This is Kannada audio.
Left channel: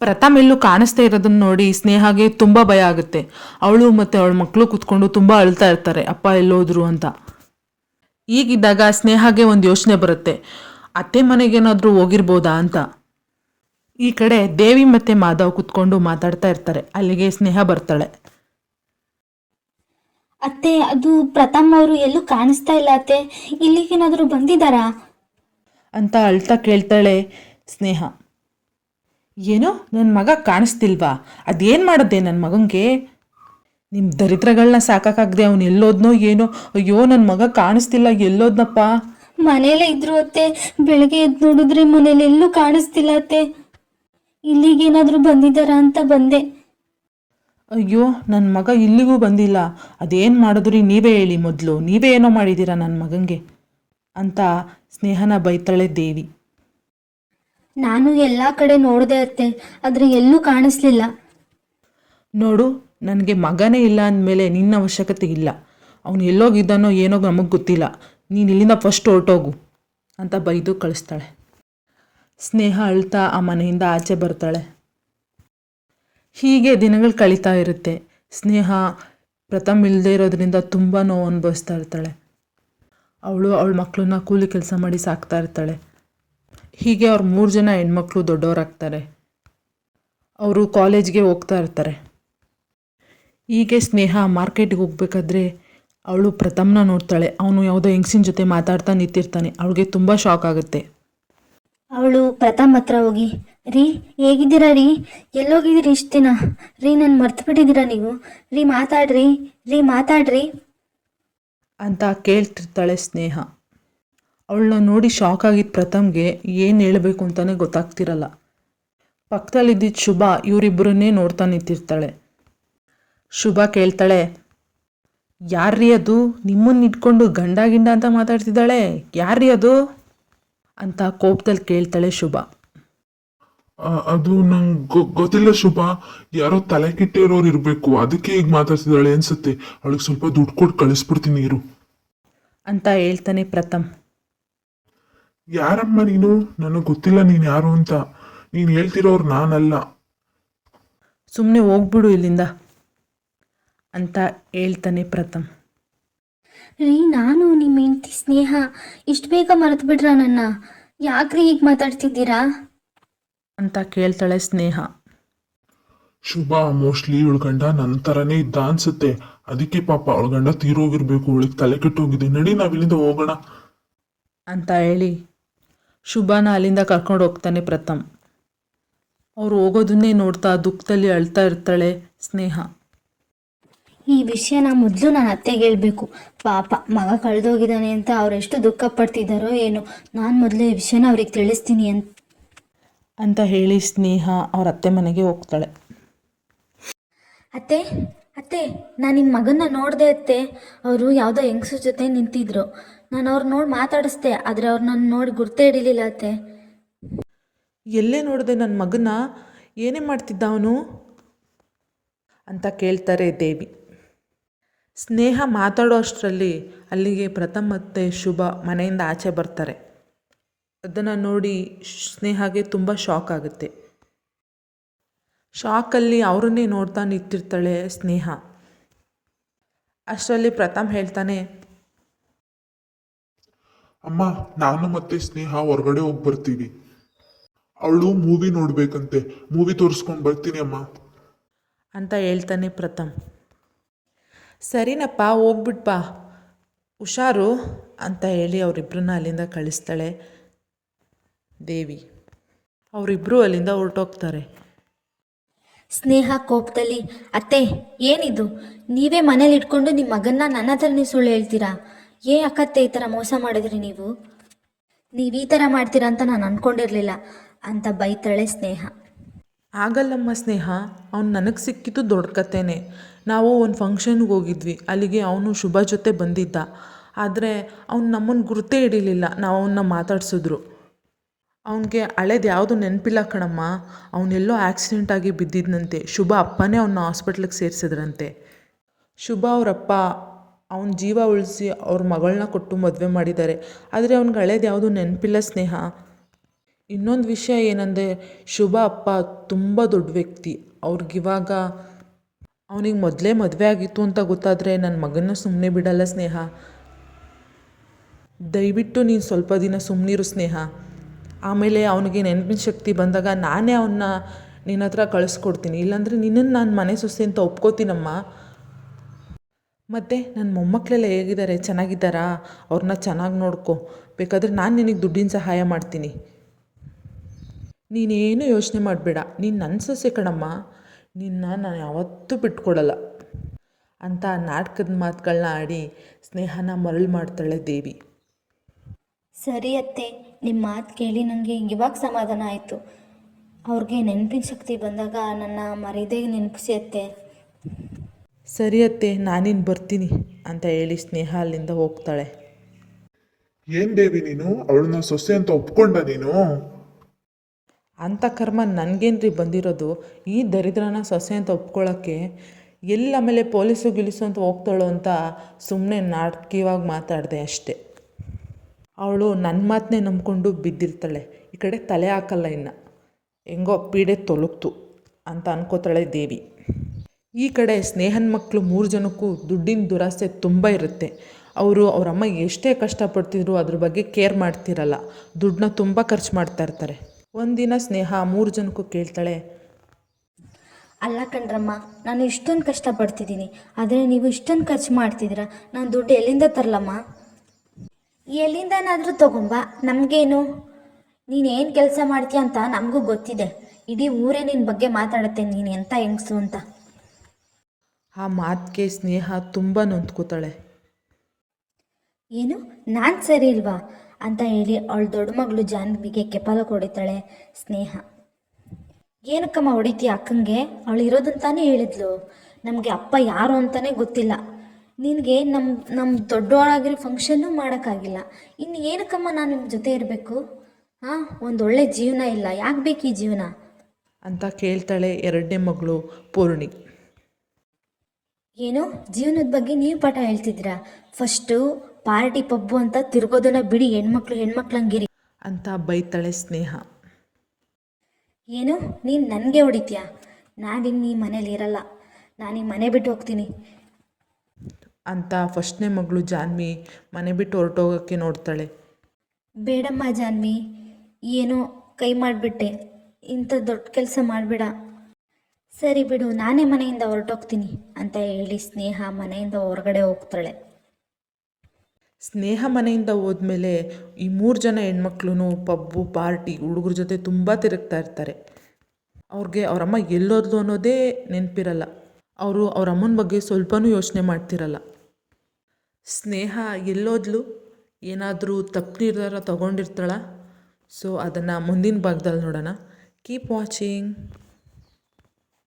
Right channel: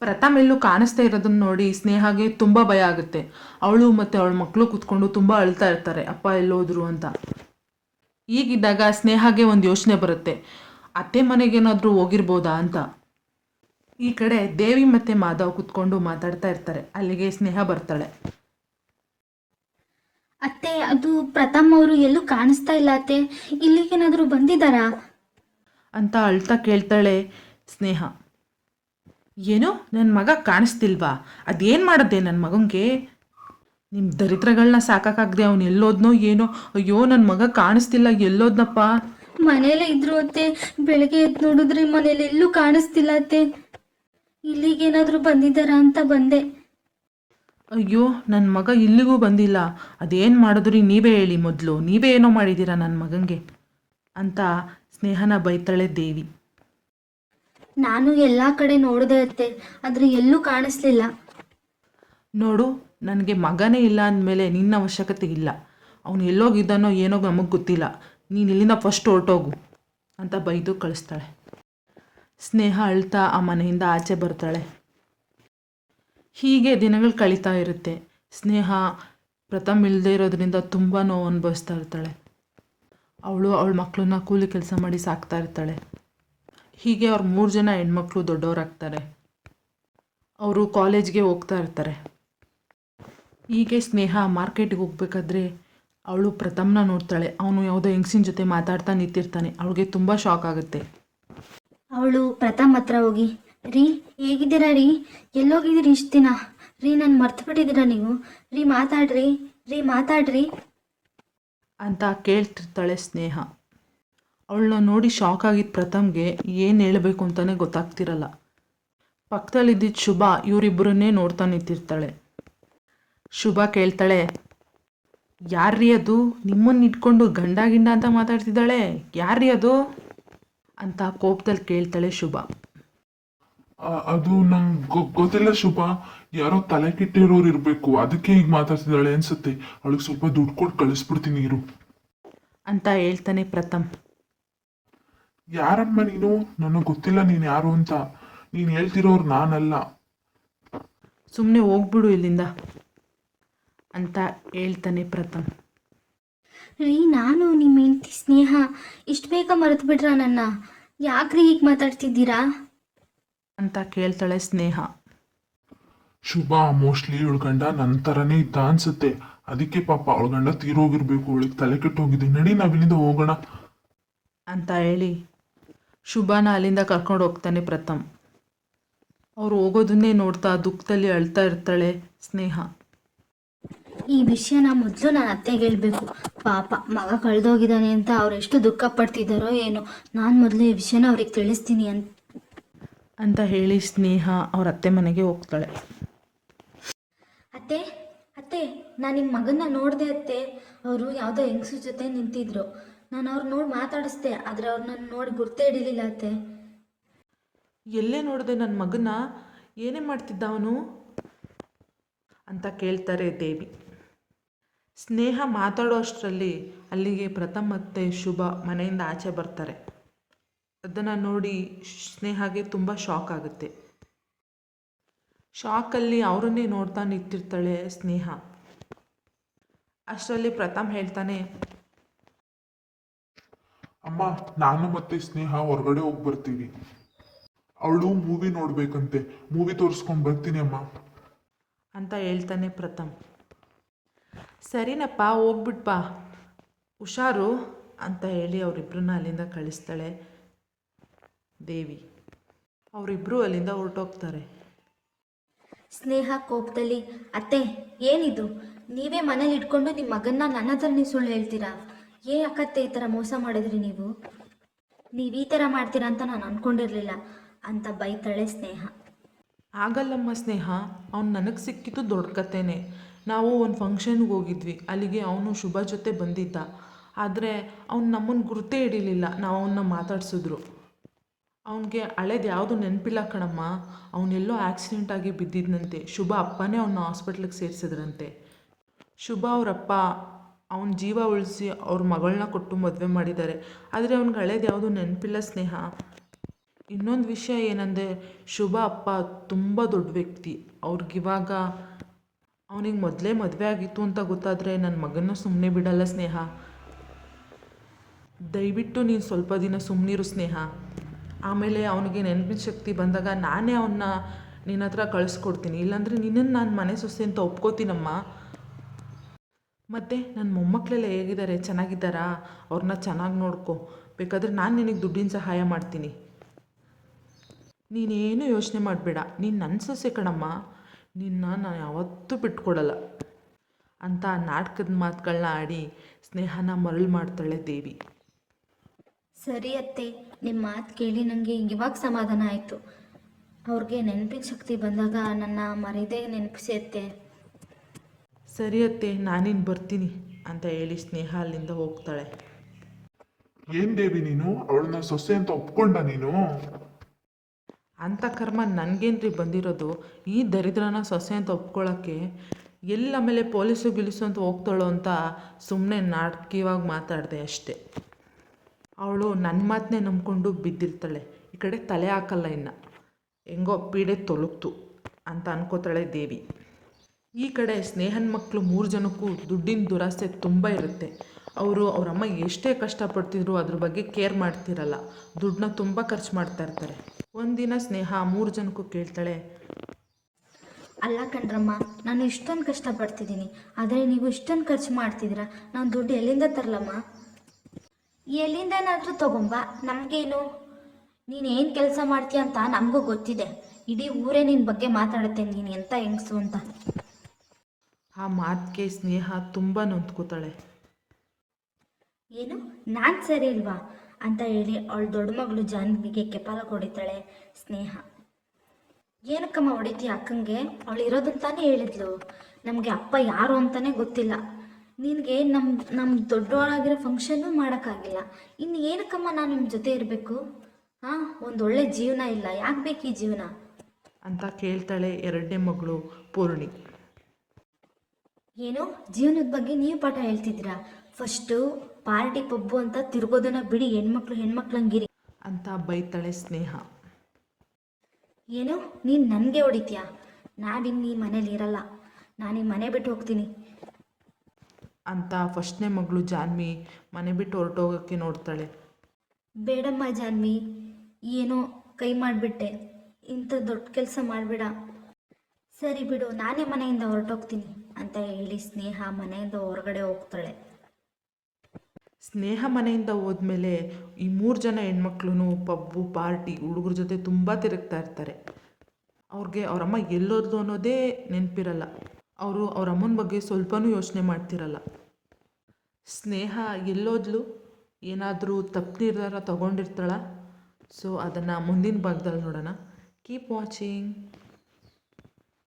ಪ್ರಥಮ್ ಎಲ್ಲೂ ಕಾಣಿಸ್ತಾ ಇರೋದನ್ನ ನೋಡಿ ಸ್ನೇಹಾಗೆ ತುಂಬ ಭಯ ಆಗುತ್ತೆ. ಅವಳು ಮತ್ತು ಅವಳ ಮಕ್ಕಳು ಕೂತ್ಕೊಂಡು ತುಂಬ ಅಳ್ತಾ ಇರ್ತಾರೆ, ಅಪ್ಪ ಎಲ್ಲೋದ್ರು ಅಂತ. ಈಗಿದ್ದಾಗ ಸ್ನೇಹಾಗೆ ಒಂದು ಯೋಚನೆ ಬರುತ್ತೆ, ಅತ್ತೆ ಮನೆಗೇನಾದರೂ ಹೋಗಿರ್ಬೋದಾ ಅಂತ. ಈ ಕಡೆ ದೇವಿ ಮತ್ತು ಮಾಧವ್ ಕೂತ್ಕೊಂಡು ಮಾತಾಡ್ತಾ ಇರ್ತಾರೆ. ಅಲ್ಲಿಗೆ ಸ್ನೇಹ ಬರ್ತಾಳೆ. ಅತ್ತೆ, ಅದು ಪ್ರಥಮ್ ಅವರು ಎಲ್ಲೂ ಕಾಣಿಸ್ತಾ ಇಲ್ಲ ಅತ್ತೆ. ಇಲ್ಲಿಗೇನಾದರೂ ಬಂದಿದ್ದಾರಾ? ಅಂತ ಅಳ್ತಾ ಕೇಳ್ತಾಳೆ ಸ್ನೇಹ. ಏನೋ ನನ್ನ ಮಗ ಕಾಣಿಸ್ತಿಲ್ವಾ? ಅದೇನು ಮಾಡಿದೆ ನನ್ನ ಮಗನಿಗೆ? ನಿಮ್ಮ ದರಿದ್ರಗಳನ್ನ ಸಾಕಾಗದೆ ಅವನು ಎಲ್ಲೋದ್ನೋ ಏನೋ. ಅಯ್ಯೋ ನನ್ನ ಮಗ ಕಾಣಿಸ್ತಿಲ್ಲ, ಎಲ್ಲೋದ್ನಪ್ಪ? ಮನೇಲೇ ಇದ್ರು ಅತ್ತೆ. ಬೆಳಗ್ಗೆ ಎದ್ದು ನೋಡಿದ್ರೆ ಮನೇಲಿ ಎಲ್ಲೂ ಕಾಣಿಸ್ತಿಲ್ಲ ಅತ್ತೆ. ಇಲ್ಲಿಗೇನಾದರೂ ಬಂದಿದ್ದಾರಾ ಅಂತ ಬಂದೆ. ಅಯ್ಯೋ ನನ್ನ ಮಗ ಇಲ್ಲಿಗೂ ಬಂದಿಲ್ಲ. ಅದೇನು ಮಾಡಿದ್ರಿ ನೀವೇ ಹೇಳಿ ಮೊದಲು. ನೀವೇ ಏನೋ ಮಾಡಿದ್ದೀರಾ ನನ್ನ ಮಗನಿಗೆ ಅಂತ ಸ್ನೇಹನ ಬೈತಾಳೆ ದೇವಿ. ನಾನು ಎಲ್ಲ ಕಡೆ ನೋಡಿದೆ ಅತ್ತೆ, ಆದರೆ ಎಲ್ಲೂ ಕಾಣಿಸ್ಲಿಲ್ಲ. ನೋಡು, ನನಗೆ ಮಗನೇ ಇಲ್ಲ ಅಂದಮೇಲೆ ನಿನ್ನ ಅವಶ್ಯಕತೆ ಇಲ್ಲ. ಅವನು ಎಲ್ಲೋಗಿದ್ದಾನೋ ಏನೋ ನಮಗೆ ಗೊತ್ತಿಲ್ಲ. ನೀನು ಇಲ್ಲಿಂದ ಫಸ್ಟ್ ಹೊರಟೋಗು ಅಂತ ಬೈದು ಕಳಿಸ್ತಾಳೆ. ಸ್ನೇಹ ಅಳ್ತಾ ಆ ಮನೆಯಿಂದ ಆಚೆ ಬರ್ತಾಳೆ. ಹೀಗೆ ದಿನಗಳು ಕಳೀತಾ ಇರುತ್ತೆ. ಸ್ನೇಹ ಪ್ರಥಮ್ ಇಲ್ಲದೆ ಇರೋದ್ರಿಂದ ತುಂಬ ನೋವು ಅನುಭವಿಸ್ತಾ ಇರ್ತಾಳೆ. ಅವಳು ಅವಳ ಮಕ್ಕಳನ್ನ ಕೂಲಿ ಕೆಲಸ ಮಾಡಿ ಸಾಕ್ತಾ ಇರ್ತಾಳೆ. ಹೀಗೆ ಅವ್ರ 3 ಜನ ಹೆಣ್ಮಕ್ಳು ದೊಡ್ಡವರಾಗ್ತಾರೆ. ಅವರು ಕಾಲೇಜ್ಗೆ ಹೋಗ್ತಾ ಇರ್ತಾರೆ. ಹೀಗೆ ಸ್ನೇಹ ಮಾರ್ಕೆಟಿಗೆ ಹೋಗ್ಬೇಕಾದ್ರೆ ಅವಳು ಪ್ರಥಮ್ನ ನೋಡ್ತಾಳೆ. ಅವನು ಯಾವುದೋ ಹೆಂಗಸಿನ ಜೊತೆ ಮಾತಾಡ್ತಾ ನಿಂತಿರ್ತಾನೆ. ಅವಳಿಗೆ ತುಂಬ ಶಾಕ್ ಆಗುತ್ತೆ. ಅವಳು ಪ್ರಥಮ್ ಹತ್ರ ಹೋಗಿ, ರೀ ಹೇಗಿದ್ದೀರಾ ರೀ? ಎಲ್ಲೋಗಿದ್ದೀರಿ ಇಷ್ಟು ದಿನ? ರೀ, ನಾನು ಮರ್ತು ಬಿಟ್ಟಿದ್ದೀರಾ ನೀವು? ರೀ ಮಾತಾಡ್ರಿ ಅಂತ ಕೇಳ್ತಿರ್ತಾಳೆ ಸ್ನೇಹ. ಅವಳನ್ನ ನೋಡಿ ಶಾಕ್ ಆಗಿದ್ದ ಪ್ರಥಮ್ಗೆ ಏನು ಹೇಳಬೇಕು ಅಂತಲೇ ಗೊತ್ತಾಗ್ತಿರಲ್ಲ. ಪಕ್ಕದಲ್ಲಿದ್ದಿದ್ದ ಶುಭ ಇವರಿಬ್ಬರನ್ನೇ ನೋಡ್ತಾ ನಿಂತಿರ್ತಾಳೆ. ಶುಭ ಕೇಳ್ತಾಳೆ, ಯಾರ್ರೀ ಅದು? ನಿಮ್ಮನ್ನು ಇಟ್ಕೊಂಡು ಗಂಡ ಗಿಂಡ ಅಂತ ಮಾತಾಡ್ತಿದ್ದಾಳೆ, ಯಾರ್ರೀ ಅದು ಅಂತ ಕೋಪದಲ್ಲಿ ಕೇಳ್ತಾಳೆ ಶುಭ. ಅದು ನಂಗೆ ಗೊತ್ತಿಲ್ಲ ಶುಭ. ಯಾರೋ ತಲೆ ಕೆಟ್ಟಿರೋರು ಇರಬೇಕು, ಅದಕ್ಕೆ ಈಗ ಮಾತಾಡ್ತಿದ್ದಾಳೆ ಅನ್ಸುತ್ತೆ. ಅವಳಿಗೆ ಸ್ವಲ್ಪ ದುಡ್ಡು ಕೊಟ್ಟು ಕಳಿಸ್ಬಿಡ್ತೀನಿ ಇರು. ಅಂತ ಹೇಳ್ತಾನೆ ಪ್ರಥಮ್. ಯಾರಮ್ಮ ನೀನು? ನನಗೆ ಗೊತ್ತಿಲ್ಲ ನೀನು ಯಾರು ಅಂತ. ನೀನು ಹೇಳ್ತಿರೋರು ನಾನಲ್ಲ. ಸುಮ್ಮನೆ ಹೋಗ್ಬಿಡು ಇಲ್ಲಿಂದ ಅಂತ ಹೇಳ್ತಾನೆ ಪ್ರಥಮ್. ರೀ, ನಾನು ನಿಮ್ಮ ಹೆಂಡತಿ ಸ್ನೇಹ. ಇಷ್ಟು ಬೇಗ ಮರೆತು ಬಿಡ್ರಾ ನನ್ನ? ಯಾಕ್ರಿ ಹೀಗೆ ಮಾತಾಡ್ತಿದ್ದೀರಾ? ಅಂತ ಕೇಳ್ತಾಳೆ ಸ್ನೇಹ. ಶುಭ ಮೋಸ್ಟ್ಲಿ ಇವಳ ಗಂಡ ನನ್ನ ಥರನೇ ಇದ್ದ ಅನ್ಸುತ್ತೆ. ಅದಕ್ಕೆ ಪಾಪ ಅವಳ ಗಂಡ ತೀರೋಗಿರ್ಬೇಕು, ಅವಳಿಗೆ ತಲೆ ಕೆಟ್ಟೋಗಿದೆ. ನಡಿ ನಾವಿಲ್ಲಿಂದ ಹೋಗೋಣ ಅಂತ ಹೇಳಿ ಶುಭನ ಅಲ್ಲಿಂದ ಕರ್ಕೊಂಡು ಹೋಗ್ತಾನೆ ಪ್ರಥಮ್. ಅವರು ಹೋಗೋದನ್ನೇ ನೋಡ್ತಾ ದುಃಖದಲ್ಲಿ ಅಳ್ತಾ ಇರ್ತಾಳೆ ಸ್ನೇಹ. ಈ ವಿಷಯನ ಮೊದಲು ನಾನು ಅತ್ತೆಗೆ ಹೇಳಬೇಕು. ಪಾಪ ಮಗ ಕಳೆದೋಗಿದ್ದಾನೆ ಅಂತ ಅವರೆಷ್ಟು ದುಃಖ ಪಡ್ತಿದ್ದಾರೋ ಏನೋ. ನಾನು ಮೊದಲೇ ಈ ವಿಷಯನ ಅವ್ರಿಗೆ ತಿಳಿಸ್ತೀನಿ ಅಂತ ಹೇಳಿ ಸ್ನೇಹ ಅವ್ರ ಅತ್ತೆ ಮನೆಗೆ ಹೋಗ್ತಾಳೆ. ಅತ್ತೆ ಅತ್ತೆ, ನಾನು ನಿಮ್ಮ ಮಗನ್ನ ನೋಡಿದೆ ಅತ್ತೆ. ಅವರು ಯಾವುದೋ ಹೆಂಗಸರ ಜೊತೆ ನಿಂತಿದ್ರು. ನಾನು ಅವ್ರು ನೋಡಿ ಮಾತಾಡಿಸ್ದೆ, ಆದರೆ ಅವ್ರು ನನ್ನ ನೋಡಿ ಗುರ್ತೇ ಹಿಡಿಲಿಲ್ಲ ಅತ್ತೆ. ಎಲ್ಲೇ ನೋಡಿದೆ ನನ್ನ ಮಗನ? ಏನೇ ಮಾಡ್ತಿದ್ದ ಅವನು ಅಂತ ಕೇಳ್ತಾರೆ ದೇವಿ. ಸ್ನೇಹ ಮಾತಾಡೋ ಅಷ್ಟರಲ್ಲಿ ಅಲ್ಲಿಗೆ ಪ್ರಥಮ್ ಮತ್ತು ಶುಭ ಮನೆಯಿಂದ ಆಚೆ ಬರ್ತಾರೆ. ಅದನ್ನು ನೋಡಿ ಸ್ನೇಹಗೆ ತುಂಬ ಶಾಕ್ ಆಗುತ್ತೆ. ಶಾಕಲ್ಲಿ ಅವರನ್ನೇ ನೋಡ್ತಾ ನಿಂತಿರ್ತಾಳೆ ಸ್ನೇಹ. ಅಷ್ಟರಲ್ಲಿ ಪ್ರಥಮ್ ಹೇಳ್ತಾನೆ, ಅಮ್ಮ, ನಾನು ಮತ್ತೆ ಸ್ನೇಹ ಹೊರಗಡೆ ಹೋಗಿ ಬರ್ತೀವಿ. ಅವಳು ಮೂವಿ ನೋಡ್ಬೇಕಂತೆ. ಮೂವಿ ತೋರಿಸ್ಕೊಂಡು ಬರ್ತೀನಿ ಅಮ್ಮ ಅಂತ ಹೇಳ್ತಾನೆ ಪ್ರಥಮ್. ಸರಿನಪ್ಪ, ಹೋಗ್ಬಿಟ್ಬಾ, ಹುಷಾರು ಅಂತ ಹೇಳಿ ಅವರಿಬ್ಬರನ್ನ ಅಲ್ಲಿಂದ ಕಳಿಸ್ತಾಳೆ ದೇವಿ. ಅವರಿಬ್ಬರು ಅಲ್ಲಿಂದ ಹೊರಟೋಗ್ತಾರೆ. ಸ್ನೇಹ ಕೋಪದಲ್ಲಿ, ಅತ್ತೆ ಏನಿದು? ನೀವೇ ಮನೇಲಿ ಇಟ್ಕೊಂಡು ನಿಮ್ಮ ಮಗನ್ನ ನನ್ನ ಹತ್ರ ನೀವು ಸುಳ್ಳು ಹೇಳ್ತೀರಾ? ಅಕ್ಕತ್ತೆ ಈ ಥರ ಮೋಸ ಮಾಡಿದ್ರಿ ನೀವು ಈ ಥರ ಮಾಡ್ತೀರಾ ಅಂತ ನಾನು ಅಂದ್ಕೊಂಡಿರಲಿಲ್ಲ ಅಂತ ಬೈತಾಳೆ ಸ್ನೇಹ. ಆಗಲ್ಲಮ್ಮ ಸ್ನೇಹ, ಅವ್ನು ನನಗೆ ಸಿಕ್ಕಿದ್ದು ದೊಡ್ಡ ಕತೆನೇ. ನಾವು ಒಂದು ಫಂಕ್ಷನ್ಗೆ ಹೋಗಿದ್ವಿ. ಅಲ್ಲಿಗೆ ಅವನು ಶುಭ ಜೊತೆ ಬಂದಿದ್ದ. ಆದರೆ ಅವ್ನು ನಮ್ಮನ್ನು ಗುರುತೇ ಹಿಡಿಲಿಲ್ಲ. ನಾವು ಅವನ್ನ ಮಾತಾಡ್ಸಿದ್ರು. ಅವನಿಗೆ ಹಳೇದು ಯಾವುದು ನೆನಪಿಲ್ಲ ಕಣಮ್ಮ. ಅವನೆಲ್ಲೋ ಆಕ್ಸಿಡೆಂಟಾಗಿ ಬಿದ್ದಿದ್ದಂತೆ. ಶುಭ ಅಪ್ಪನೇ ಅವನ್ನ ಹಾಸ್ಪಿಟ್ಲಿಗೆ ಸೇರಿಸಿದ್ರಂತೆ. ಶುಭ ಅವರಪ್ಪ ಅವನ ಜೀವ ಉಳಿಸಿ ಅವ್ರ ಮಗಳನ್ನ ಕೊಟ್ಟು ಮದುವೆ ಮಾಡಿದ್ದಾರೆ. ಆದರೆ ಅವ್ನಿಗೆ ಹಳೇದು ಯಾವುದು ನೆನಪಿಲ್ಲ ಸ್ನೇಹ. ಇನ್ನೊಂದು ವಿಷಯ ಏನಂದರೆ ಶುಭ ಅಪ್ಪ ತುಂಬ ದೊಡ್ಡ ವ್ಯಕ್ತಿ. ಅವ್ರಿಗಿವಾಗ ಅವನಿಗೆ ಮೊದಲೇ ಮದುವೆ ಆಗಿತ್ತು ಅಂತ ಗೊತ್ತಾದರೆ ನನ್ನ ಮಗನ ಸುಮ್ಮನೆ ಬಿಡಲ್ಲ ಸ್ನೇಹ. ದಯವಿಟ್ಟು ನೀನು ಸ್ವಲ್ಪ ದಿನ ಸುಮ್ಮನಿರು ಸ್ನೇಹ. ಆಮೇಲೆ ಅವನಿಗೆ ನೆನಪಿನ ಶಕ್ತಿ ಬಂದಾಗ ನಾನೇ ಅವನ್ನ ನಿನ್ನ ಹತ್ರ ಕಳಿಸ್ಕೊಡ್ತೀನಿ. ಇಲ್ಲಾಂದರೆ ನಿನ್ನನ್ನು ನಾನು ಮನೆ ಸೊಸೆ ಅಂತ ಒಪ್ಕೋತೀನಮ್ಮ. ಮತ್ತು ನನ್ನ ಮೊಮ್ಮಕ್ಕಳೆಲ್ಲ ಹೇಗಿದ್ದಾರೆ, ಚೆನ್ನಾಗಿದ್ದಾರಾ? ಅವ್ರನ್ನ ಚೆನ್ನಾಗಿ ನೋಡ್ಕೊ. ಬೇಕಾದರೆ ನಾನು ನಿನಗೆ ದುಡ್ಡಿನ ಸಹಾಯ ಮಾಡ್ತೀನಿ. ನೀನೇನು ಯೋಚನೆ ಮಾಡಬೇಡ, ನೀನು ನನ್ನ ಸೊಸೆ ಕಣಮ್ಮ. ನಿನ್ನ ನಾನು ಯಾವತ್ತೂ ಬಿಟ್ಕೊಡಲ್ಲ ಅಂತ ನಾಟಕದ ಮಾತುಗಳನ್ನ ಆಡಿ ಸ್ನೇಹನ ಮರಳು ಮಾಡ್ತಾಳೆ ದೇವಿ. ಸರಿ ಅತ್ತೆ, ನಿಮ್ಮ ಮಾತು ಕೇಳಿ ನನಗೆ ಇವಾಗ ಸಮಾಧಾನ ಆಯಿತು. ಅವ್ರಿಗೆ ನೆನಪಿನ ಶಕ್ತಿ ಬಂದಾಗ ನನ್ನ ಮರೀದೇ ನೆನಪಿಸಿ ಅತ್ತೆ. ಸರಿ ಅತ್ತೆ, ನಾನಿನ್ನು ಬರ್ತೀನಿ ಅಂತ ಹೇಳಿ ಸ್ನೇಹ ಅಲ್ಲಿಂದ ಹೋಗ್ತಾಳೆ. ಏನ್ ದೇವಿ ನೀನು ಅವಳನ್ನ ಸೊಸೆ ಅಂತ ಒಪ್ಕೊಂಡ ನೀನು? ಅಂಥ ಕರ್ಮ ನನಗೇನ್ರಿ ಬಂದಿರೋದು? ಈ ದರಿದ್ರನ ಸೊಸೆ ಅಂತ ಒಪ್ಕೊಳ್ಳೋಕ್ಕೆ ಎಲ್ಲಿ ಆಮೇಲೆ ಪೊಲೀಸು ಗಿಲೀಸು ಅಂತ ಹೋಗ್ತಾಳೋ ಅಂತ ಸುಮ್ಮನೆ ನಾಟಕೀಯವಾಗಿ ಮಾತಾಡಿದೆ ಅಷ್ಟೆ. ಅವಳು ನನ್ನ ಮಾತನ್ನೇ ನಂಬ್ಕೊಂಡು ಬಿದ್ದಿರ್ತಾಳೆ. ಈ ಕಡೆ ತಲೆ ಹಾಕಲ್ಲ. ಇನ್ನು ಹೆಂಗೋ ಪೀಡೆ ತೊಲಗ್ತು ಅಂತ ಅನ್ಕೋತಾಳೆ ದೇವಿ. ಈ ಕಡೆ ಸ್ನೇಹನ ಮಕ್ಕಳು 3 ಜನಕ್ಕೂ ದುಡ್ಡಿನ ದುರಾಸೆ ತುಂಬ ಇರುತ್ತೆ. ಅವರಮ್ಮ ಎಷ್ಟೇ ಕಷ್ಟಪಡ್ತಿದ್ರು ಅದ್ರ ಬಗ್ಗೆ ಕೇರ್ ಮಾಡ್ತಿರಲ್ಲ. ದುಡ್ಡನ್ನ ತುಂಬ ಖರ್ಚು ಮಾಡ್ತಾ ಇರ್ತಾರೆ. ಒಂದಿನ ಸ್ನೇಹ 3 ಜನಕ್ಕೂ ಕೇಳ್ತಾಳೆ, ಅಲ್ಲ ಕಣ್ರಮ್ಮ, ನಾನು ಇಷ್ಟೊಂದು ಕಷ್ಟಪಡ್ತಿದ್ದೀನಿ, ಆದರೆ ನೀವು ಇಷ್ಟೊಂದು ಖರ್ಚು ಮಾಡ್ತಿದ್ದೀರಾ, ನಾನು ದುಡ್ಡು ಎಲ್ಲಿಂದ ತರಲಮ್ಮ? ಎಲ್ಲಿಂದನಾದರೂ ತಗೊಂಬ, ನಮಗೇನು? ನೀನೇನು ಕೆಲಸ ಮಾಡ್ತೀಯ ಅಂತ ನಮಗೂ ಗೊತ್ತಿದೆ. ಇಡೀ ಊರೇ ನಿನ್ನ ಬಗ್ಗೆ ಮಾತಾಡುತ್ತೆ, ನೀನು ಎಂಥ ಹೆಂಗಸು ಅಂತ. ಆ ಮಾತಿಗೆ ಸ್ನೇಹ ತುಂಬ ನೊಂದ್ಕೋತಾಳೆ. ಏನು, ನಾನು ಸರಿ ಇಲ್ವಾ ಅಂತ ಹೇಳಿ ಅವಳ ದೊಡ್ಡ ಮಗಳು ಜಾನ್ವಿಗೆ ಕೆಪಾಲ ಹೊಡಿತಾಳೆ ಸ್ನೇಹ. ಏನಕ್ಕಮ್ಮ ಹೊಡಿತೀಯ ಅಕ್ಕಂಗೆ? ಅವಳು ಇರೋದಂತಾನೇ ಹೇಳಿದ್ಲು. ನಮಗೆ ಅಪ್ಪ ಯಾರು ಅಂತಲೇ ಗೊತ್ತಿಲ್ಲ. ನಿನಗೆ ನಮ್ಮ ದೊಡ್ಡವಳಾಗಿರೋ ಫಂಕ್ಷನ್ನೂ ಮಾಡೋಕ್ಕಾಗಿಲ್ಲ. ಇನ್ನು ಏನಕ್ಕಮ್ಮ ನಾನು ನಿಮ್ಮ ಜೊತೆ ಇರಬೇಕು? ಹಾಂ, ಒಂದೊಳ್ಳೆ ಜೀವನ ಇಲ್ಲ, ಯಾಕೆ ಬೇಕು ಈ ಜೀವನ ಅಂತ ಕೇಳ್ತಾಳೆ 2ನೇ ಮಗಳು ಪೂರ್ಣಿ. ಏನು, ಜೀವನದ ಬಗ್ಗೆ ನೀವು ಪಾಠ ಹೇಳ್ತಿದ್ದೀರಾ? ಫಸ್ಟು ಪಾರ್ಟಿ ಪಬ್ಬು ಅಂತ ತಿರ್ಗೋದನ್ನ ಬಿಡಿ, ಹೆಣ್ಮಕ್ಳಂಗಿರಿ ಅಂತ ಬೈತಾಳೆ ಸ್ನೇಹ. ಏನು, ನೀನು ನನಗೆ ಹೊಡಿತೀಯಾ? ನಾನಿನ್ನು ಈ ಮನೇಲಿ ಇರಲ್ಲ, ನಾನು ಈ ಮನೆ ಬಿಟ್ಟು ಹೋಗ್ತೀನಿ ಅಂತ ಫಸ್ಟ್ನೇ ಮಗಳು ಜಾನ್ವಿ ಮನೆ ಬಿಟ್ಟು ಹೊರಟೋಗೋಕ್ಕೆ ನೋಡ್ತಾಳೆ. ಬೇಡಮ್ಮ ಜಾನ್ವಿ, ಏನೋ ಕೈ ಮಾಡಿಬಿಟ್ಟೆ, ಇಂಥ ದೊಡ್ಡ ಕೆಲಸ ಮಾಡಬೇಡ. ಸರಿ ಬಿಡು, ನಾನೇ ಮನೆಯಿಂದ ಹೊರಟೋಗ್ತೀನಿ ಅಂತ ಹೇಳಿ ಸ್ನೇಹ ಮನೆಯಿಂದ ಹೊರಗಡೆ ಹೋಗ್ತಾಳೆ. ಸ್ನೇಹ ಮನೆಯಿಂದ ಹೋದ್ಮೇಲೆ ಈ 3 ಜನ ಹೆಣ್ಮಕ್ಳು ಪಬ್ಬು ಪಾರ್ಟಿ ಹುಡುಗರ ಜೊತೆ ತುಂಬ ತಿರುಗ್ತಾ ಇರ್ತಾರೆ. ಅವ್ರಿಗೆ ಅವರಮ್ಮ ಎಲ್ಲೋದ್ಲು ಅನ್ನೋದೇ ನೆನಪಿರಲ್ಲ. ಅವರಮ್ಮನ ಬಗ್ಗೆ ಸ್ವಲ್ಪನೂ ಯೋಚನೆ ಮಾಡ್ತಿರಲ್ಲ. ಸ್ನೇಹ ಎಲ್ಲೋದ್ಲು, ಏನಾದರೂ ತಪ್ಪು ನಿರ್ಧಾರ ತಗೊಂಡಿರ್ತಾಳ? ಸೊ ಅದನ್ನು ಮುಂದಿನ ಭಾಗದಲ್ಲಿ ನೋಡೋಣ. Keep watching.